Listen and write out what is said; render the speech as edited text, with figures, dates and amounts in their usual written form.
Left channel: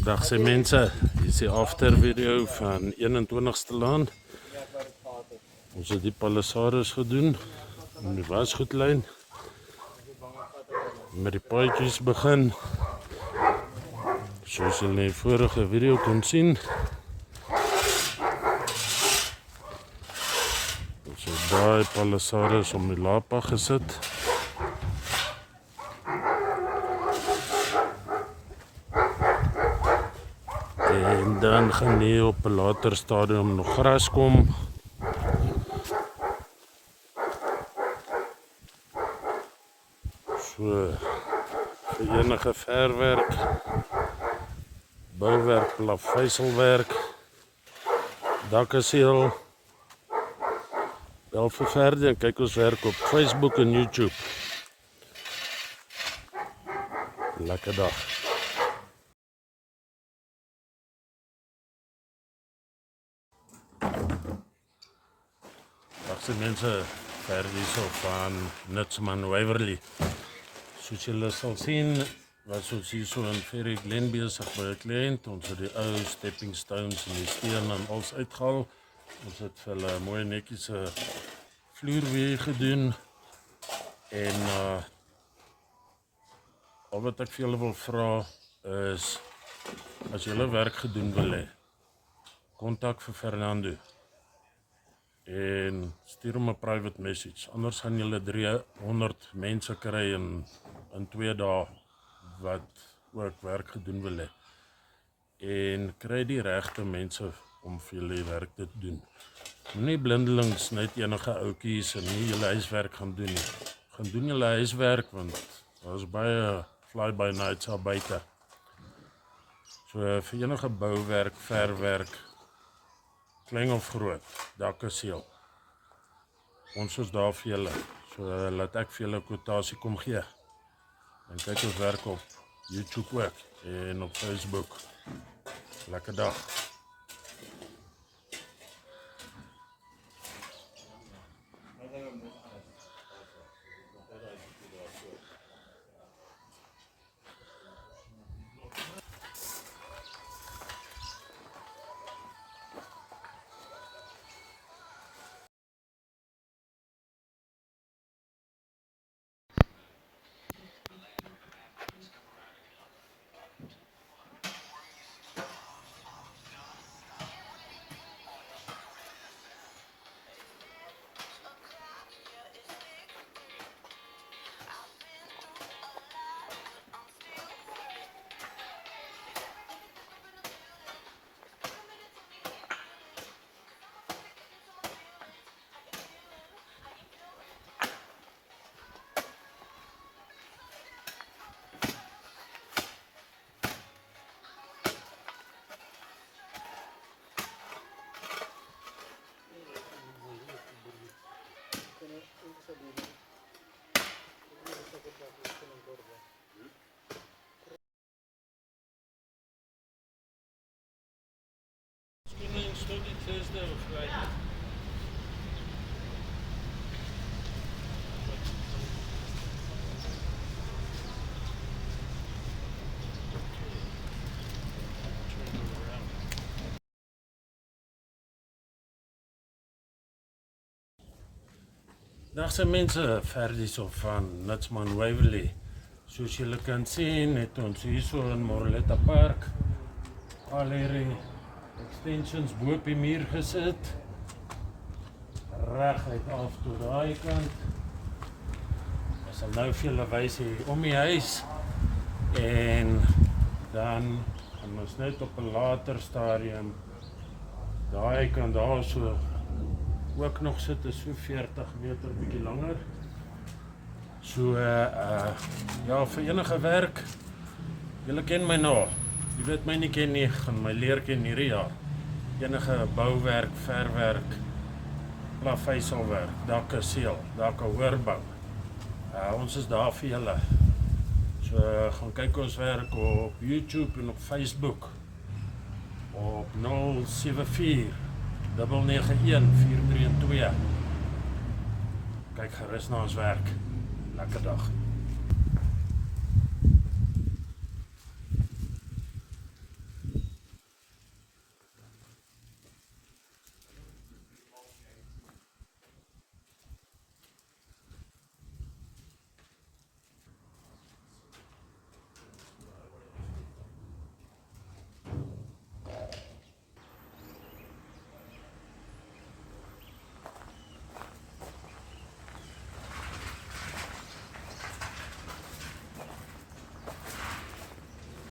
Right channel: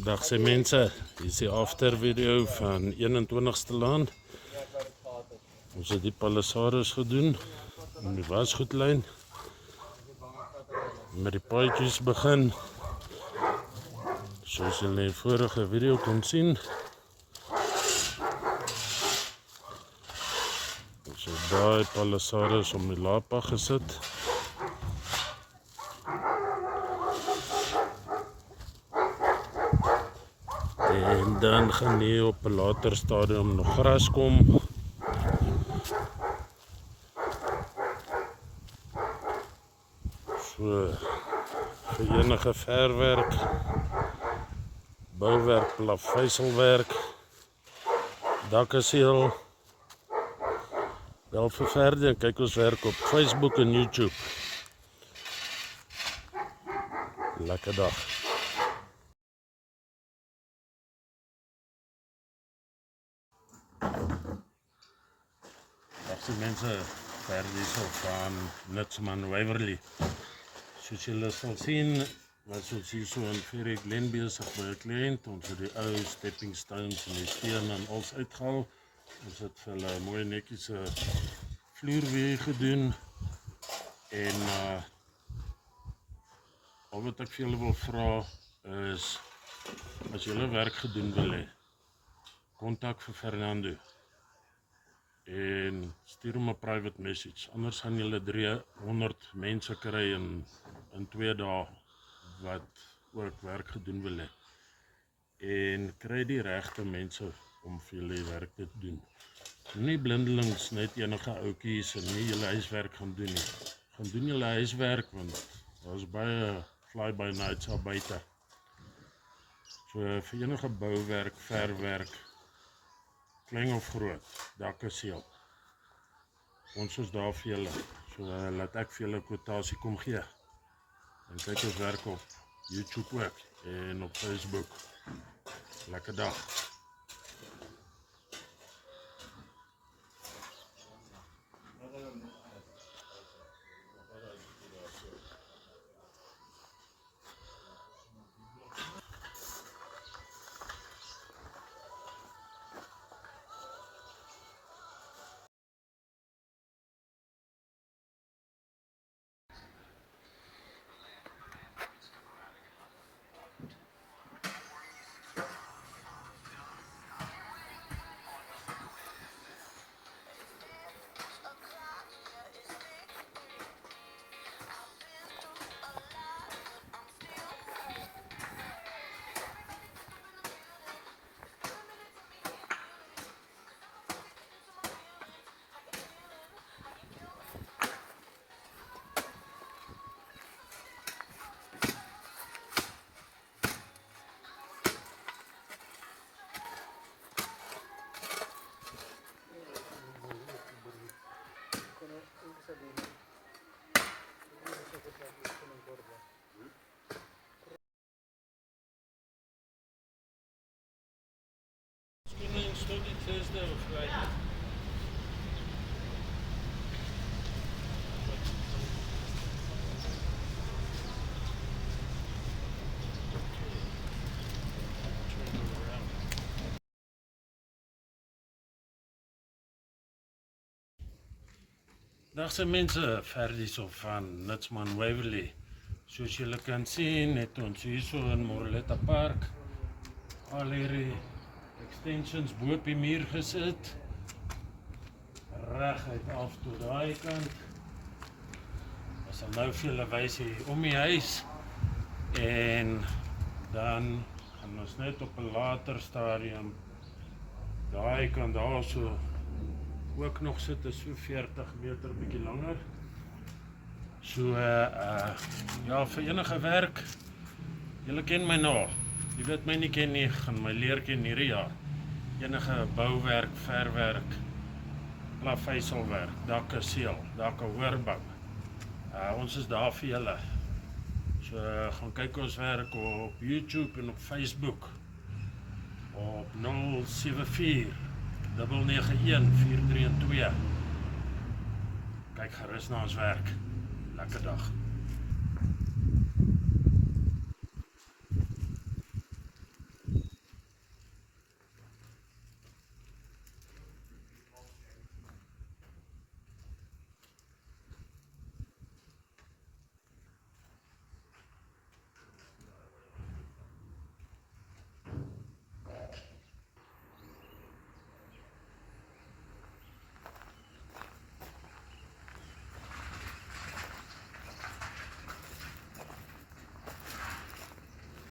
Dag sê mense, hier is die after video van 21ste laan. Ons het die palissades gedoen om die wasgoedlyn. Met die paadjies begin. Soos julle in die vorige video kon sien. Ons het daai palissades om die lapa gesit. En dan gaan hier op 'n later stadium nog gras kom. So vir enige verwerk, bouwerk, plaveisselwerk, dakkaseel, wel vir verder en kyk ons werk op Facebook en YouTube. Lekker dag. Dag se mense, verder so van Nutsman Waverley. Soos julle sal sien, was ons hier so in Ferry Glen besig by 'n kliënt. Ons het die ou stepping stones en die steen en alles uitgehaal. Ons het vir hulle mooi netjies 'n vloerweë gedoen. En al wat ek vir julle wil vra is, as julle werk gedoen wil hê, kontak vir Fernando en stuur hom 'n private message. Anders gaan julle 300 mense kry in 2 dae wat ook werk gedoen wil hê. En kry die regte mense om vir julle die werk te doen. Nie blindelings net enige ouetjies en nie julle huiswerk gaan doen nie. Gaan doen julle huiswerk want daar is baie fly-by nights daar buite. So vir enige bouwerk, verwerk, klein of groot, dakkaseel. Ons is daar vir julle. So laat ek vir julle kwotasie kom gee. En kyk ons werk op YouTube ook en op Facebook. Lekker dag. Thursday or Friday. Dag se mense, verder so van Nutsman Waverley. Soos julle kan sien, het ons hier so in Moreletta Park al hierdie extensions bo op die muur gesit. Reguit af tot daai kant. Ons sal nou vir julle wys hier om die huis. En dan gaan ons net op 'n later stadium daai kant daar so ook nog sit, is so 40 meter bietjie langer. So ja, vir enige werk, julle ken my nou. Jy weet my nie ken nie, gaan my leer ken hierdie jaar. Enige bouwerk, verwerk, plaveisselwerk, dakkaseel, dakhoorbou. Ons is daar vir julle. So gaan kyk ons werk op YouTube en op Facebook. Op 074 991 432. Kyk gerus na ons werk. Lekker dag.